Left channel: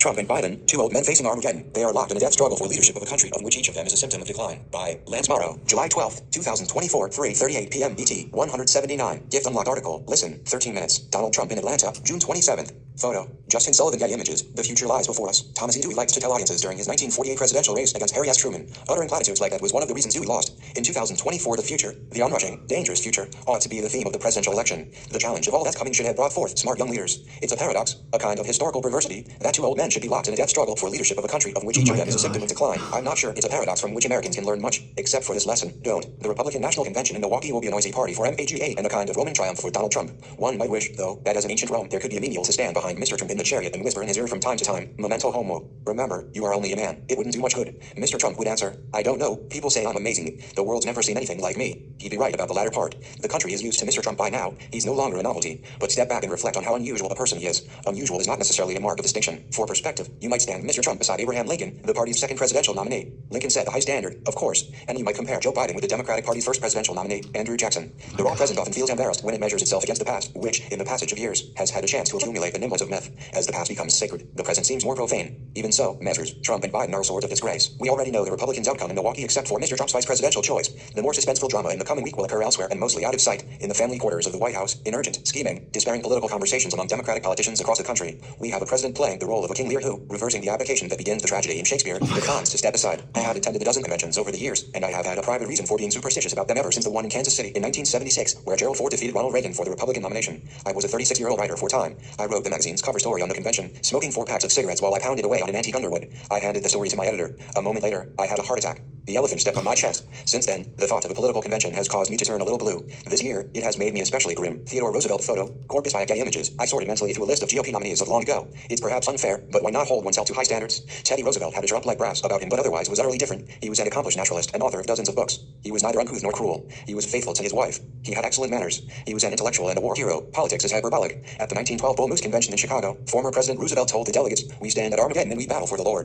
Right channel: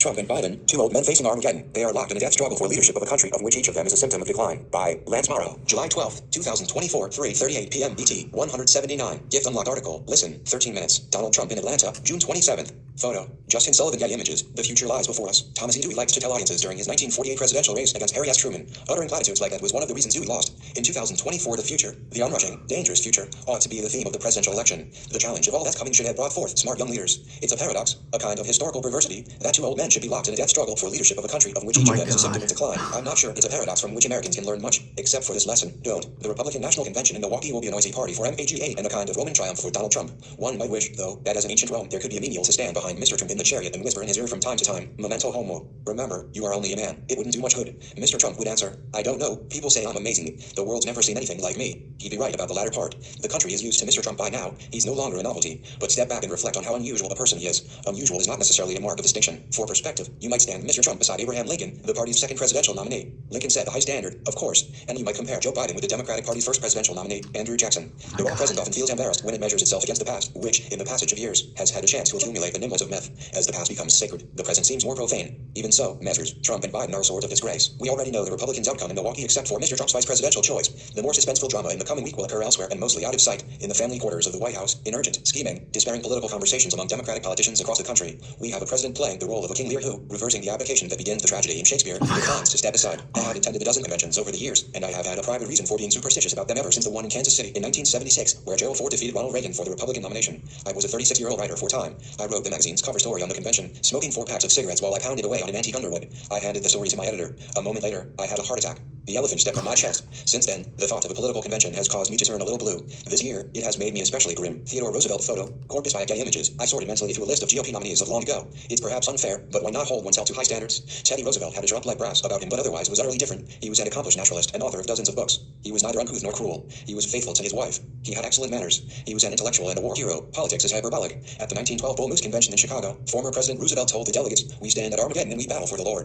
Trump and Biden, two old men facing Armageddon. They are locked in a death struggle for leadership of a country of which each of them is a symptom of decline. By Lance Morrow, July 12, 2024, 3:38 p.m. BT, 179. Gift unlocked article. Listen, 13 minutes. Donald Trump in Atlanta, June 27th. Photo. Justin Sullivan. Getty Images. The future lies before us. Thomas E. Dewey liked to tell audiences during his 1948 presidential race against Harry S. Truman. Uttering platitudes like that was one of the reasons Dewey lost. In 2024, the future, the onrushing, dangerous future, ought to be the theme of the presidential election. The challenge of all that's coming should have brought forth smart young leaders. It's a paradox, a kind of historical perversity, that two old men should be locked in a death struggle for leadership of a country of which each of them is a symptom of decline. I'm not sure it's a paradox from which Americans can learn much, except for this lesson. Don't. The Republican National Convention in Milwaukee will be a noisy party for MAGA and a kind of Roman triumph for Donald Trump. One might wish, though, that as in ancient Rome, there could be a menial to stand behind Mr. Trump in the chariot and whisper in his ear from time to time, "Memento homo." Remember, you are only a man. It wouldn't do much good. Mr. Trump would answer, "I don't know. People say I'm amazing. The world's never seen anything like me." He'd be right about the latter part. The country is used to Mr. Trump by now. He's no longer a novelty. But step back and reflect on how unusual a person he is. Unusual is not necessarily a mark of distinction. For perspective, you might stand Mr. Trump beside Abraham Lincoln, the party's second presidential nominee. Lincoln set the high standard, of course, and you might compare Joe Biden with the Democratic Party's first presidential nominee, Andrew Jackson. The raw present often feels embarrassed when it measures itself against the past, which, in the passage of years, has had a chance to accumulate the nimbleness of myth. As the past becomes sacred, the present seems more profane. Even so, measures, Trump and Biden are swords of disgrace. We already know the Republicans' outcome in Milwaukee except for Mr. Trump's vice presidential choice. The more suspenseful drama in the coming week will occur elsewhere and mostly out of sight, in the family quarters of the White House, in urgent, scheming, despairing political conversations among Democratic politicians across the country. We have a president playing the role of a King Lear who, reversing the abdication that begins the tragedy in Shakespeare, declines to step aside. I have attended a dozen conventions over the years, and I have had a private reason for being superstitious about them ever since the one in Kansas City in 1976, where Gerald Ford defeated Ronald Reagan for the Republican nomination. I was a 36-year-old writer for Time. I wrote the magazine's cover story on the convention, smoking 4 packs of cigarettes while I pounded away on an antique Underwood. I handed the story to my editor. A moment later, I had a heart attack. The elephant stepped on my chest. Since then, the thought of a political convention has caused me to turn a little blue. This year, it has made me especially grim. Theodore Roosevelt photo, corpus by Getty Images. I sorted mentally through a list of GOP nominees of long ago. It's perhaps unfair, but why not hold oneself to high standards? Teddy Roosevelt had a drop like brass about him, but otherwise was utterly different. He was an accomplished naturalist and author of dozens of books. He was neither uncouth nor cruel. He was faithful to his wife. He had excellent manners. He was an intellectual and a war hero. Politics is hyperbolic. At the 1912 Bull Moose Convention in Chicago, former President Roosevelt told the delegates, "We stand at Armageddon and we battle for the Lord."